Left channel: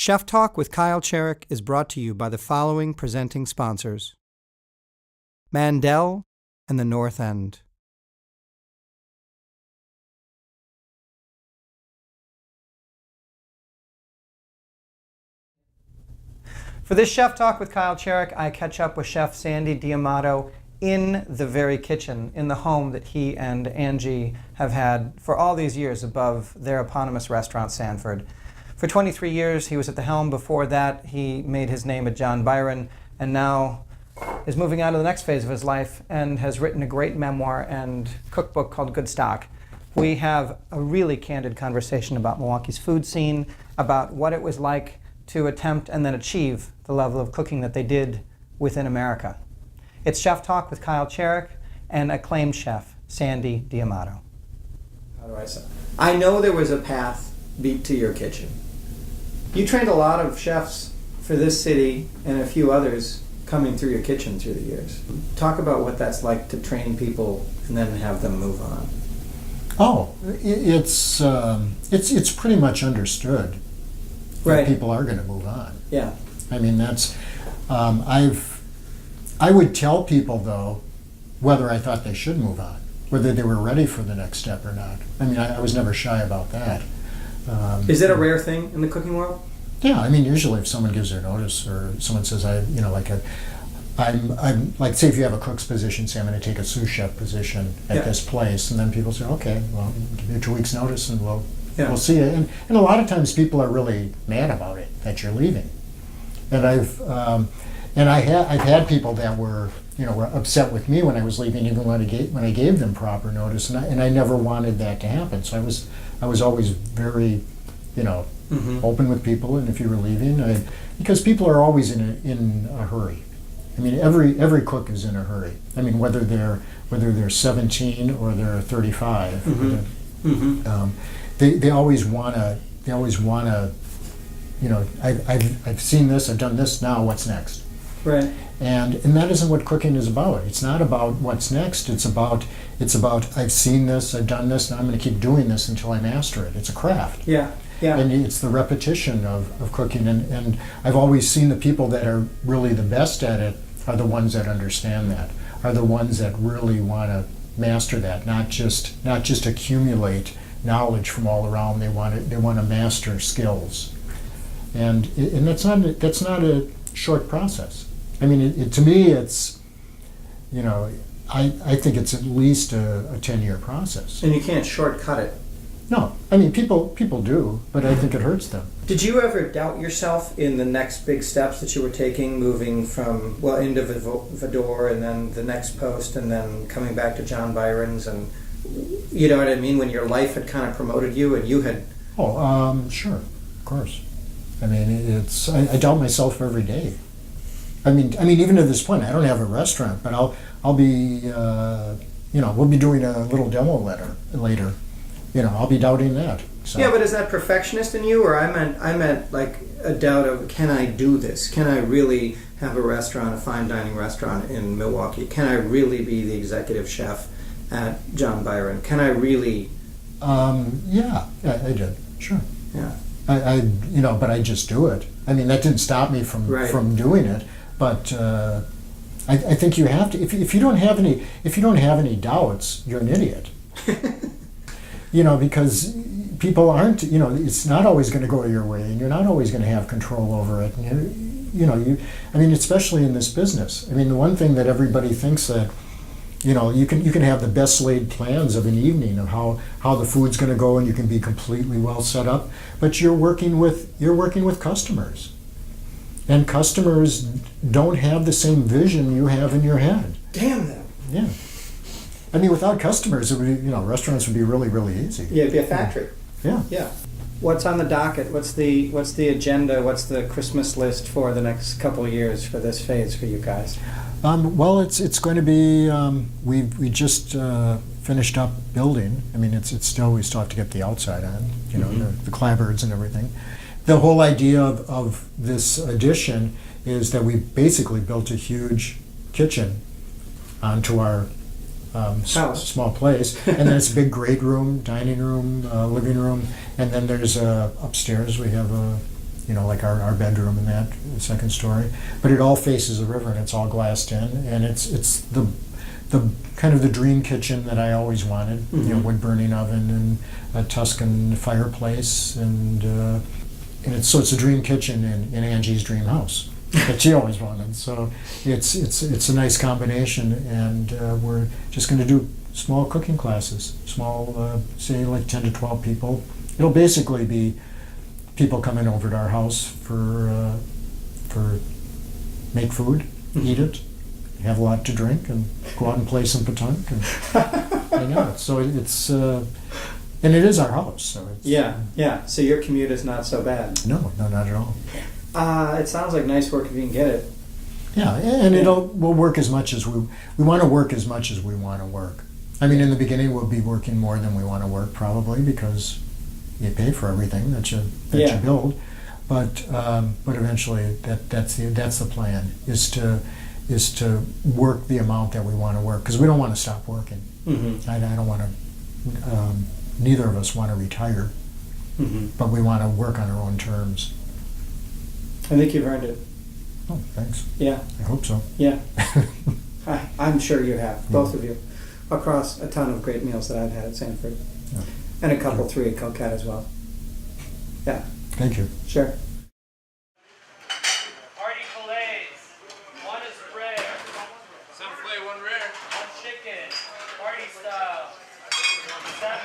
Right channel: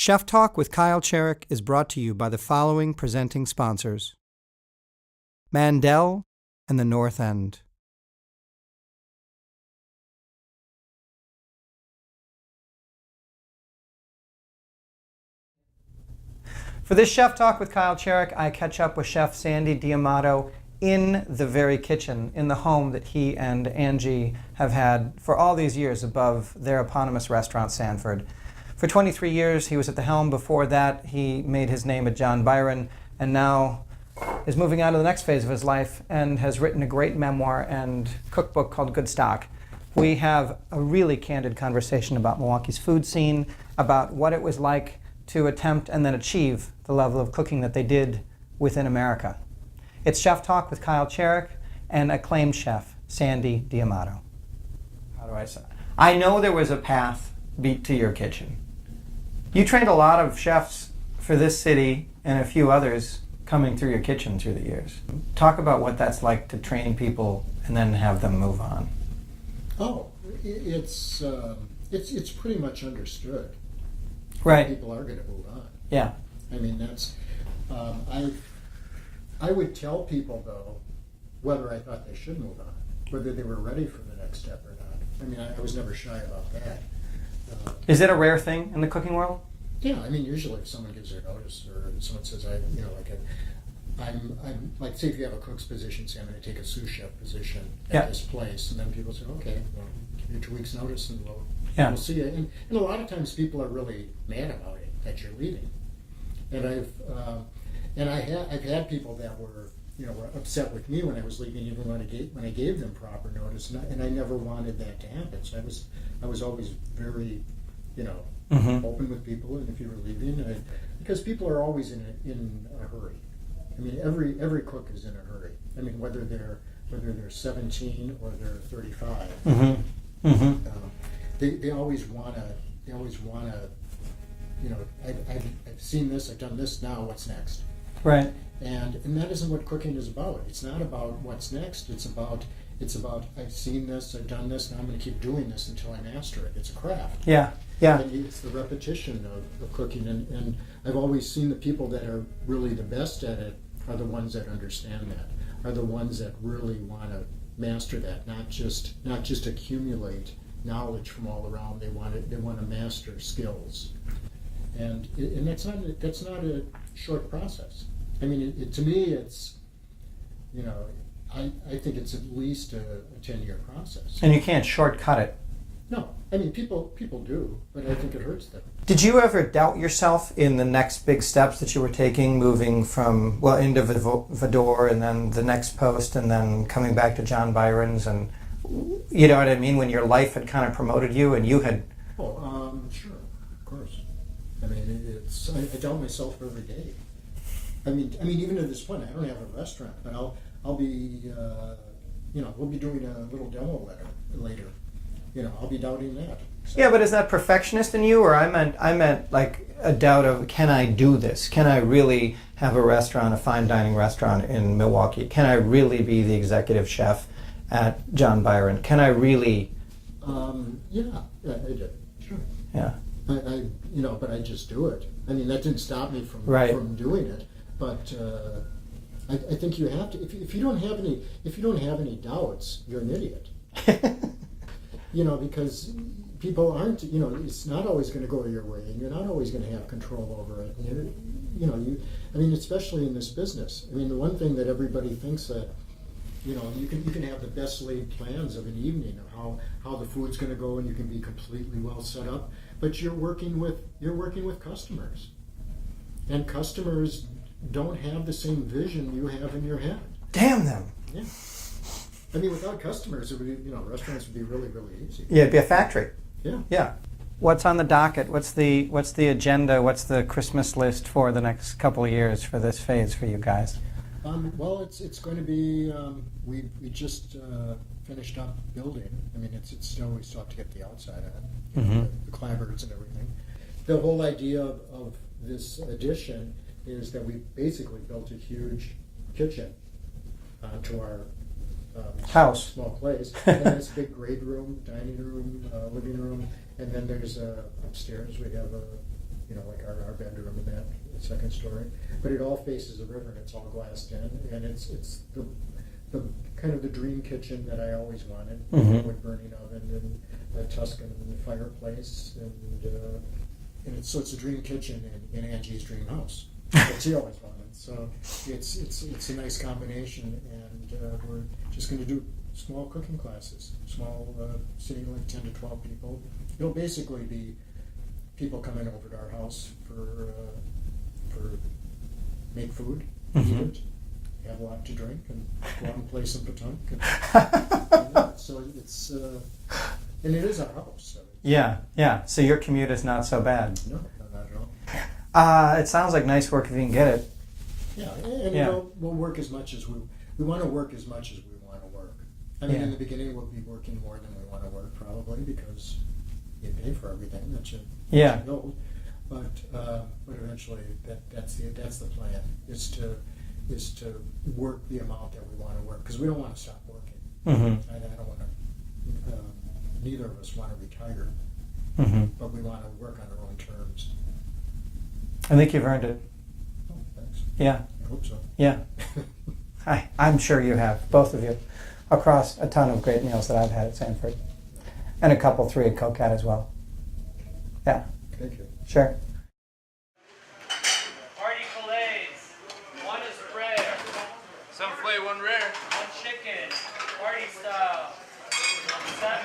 Chef Talk with Kyle Cherek is brought to you by the following presenting sponsors: Mandel and the North End. For this Chef Talk with Kyle Cherek, I catch up with Chef Sandy D'Amato in the very kitchen, in the home that he and Angie have had for all these years above their eponymous restaurant, Sanford. For 23 years, he was at the helm. Before that, he made his name at John Byron, and now is moving on to the next phase of his life and has written a great memoir and cookbook called Goodstock. We have a really candid conversation about Milwaukee's food scene, about what it was like to attempt and then achieve the level of cooking that they did within America. It's Chef Talk with Kyle Cherek and acclaimed chef Sandy D'Amato. How do I say? I know there was a path beat to your kitchen. You trained a lot of chefs for this city and a few others coming through your kitchen through the years. Talk about what that's like to train people and then have them move on. Oh, it's pretty much understood that Right. people are going to move on. Yeah. I mean, that's I would tell people though whether I thought they should move on, whether they were ready for the next step or not. I mean, I was never shy about that. Is that a rare thing in the cooking world? Yeah, I mean, usually if someone gives their notice or someone says, I'm like, say if you have a cook's position, say I'm going to take a sous chef position at this place, and then people say, okay, well, give you 2 weeks notice and we'll see you. And a lot of times people are really mad about it, that you're leaving. And I've had people that were upset with me when I was leaving, even when I gave them proper notice, and I never wanted that to happen. So I was always very, open with people, and if you were leaving, because people are always in a hurry. I mean, every cook is in a hurry. I mean, whether they're 17 or they're 35, they always wanna. I've seen this, I've done this. Now, what's next? Right. And that isn't what cooking is about. It's not about what's next. It's about I've seen this, I've done this, and I'm going to keep doing this until I master it. It's a craft. Yeah. Yeah. And it's the repetition of cooking. And I've always seen the people that are really the best at it are the ones that understand that, are the ones that really want to master that, not just accumulate knowledge from all around. They want to master skills. And that's not a short process. I mean, to me, it's, I think it's at least a 10-year process. And you can't shortcut it. No, I mean, people do, but I think it hurts them. Did you ever doubt yourself in the next big steps that you were taking, moving from, into Vador and then the next post and then coming back to John Byron's, and you know what I mean, when your life had kind of promoted you and you had... Sure, of course. I mean, I doubt myself every day. I mean, even to this point, I don't have a restaurant, but I'll be, we'll be doing a little demo later. I'll be doubting that. So. Yeah, but is that perfectionist in you, or I meant like a doubt of, can I do this? Can I really have a restaurant, a fine dining restaurant in Milwaukee? Can I really be the executive chef at John Byron? Can I really? Yeah, I did. Sure. Yeah. But I just do it. I mean, that didn't stop me from doing it. But I think you have to. If you don't have any doubts, you're an idiot. Because people aren't. It's not always going to go your way, and you're not always going to have control over it. And I mean, especially in this business. I mean, the one thing that everybody thinks that. You can have the best laid plans of an evening of how the food's going to go, and you can be completely well set up, but you're working with customers, and customers don't have the same vision you have in your head. Damn them. Yeah. I mean, without customers, it would restaurants would be really, really easy. Yeah, it'd be a factory. Yeah. Yeah. What's on the docket? What's the agenda? What's the Christmas list for the next couple of years for this phase for you guys? Well, it's going to be. We just finished up building. I mean, it's still we still have to get the outside on. The clapboards and everything. The whole idea of this addition is that we basically built a huge kitchen onto our house, small place, and then it's a big great room, dining room, living room, and then there's upstairs we have a like our bedroom in that second story. But it all faces the river, and it's all glassed in, and it's the kind of the dream kitchen that I always wanted. Wood burning oven and a Tuscan fireplace, and it's a dream kitchen in Angie's dream house that she always wanted. So it's a nice combination, and we're just going to do small cooking classes, small, say like 10 to 12 people. It'll basically be people coming over to our house for make food, eat it, have a lot to drink, and go out and play some petanque and hang out. So it's and it is our house. So it's, yeah. So your commute is not so bad. No, not at all. It sounds like nice work if you can get it. Yeah, and we'll work as much as we want to work as much as we want to work. I mean, in the beginning, we'll be working more than we want to work, probably, because you pay for everything that you build. But eventually, that's the plan, is to work the amount that we want to work, because we don't want to stop working. I don't want to. Neither of us want to retire, but we want to work on our own terms. I think you've earned it. Oh, thanks. Yeah. I hope so. Yeah. I'm sure you have, both of you, across a ton of great meals that I've had at Sanford. Yeah. And a couple, 3 at Coquette as well. Yeah. Thank you. Sure. Party fillets. 1 is rare. Some filet, 1 rare. 1 chicken. Party style. 7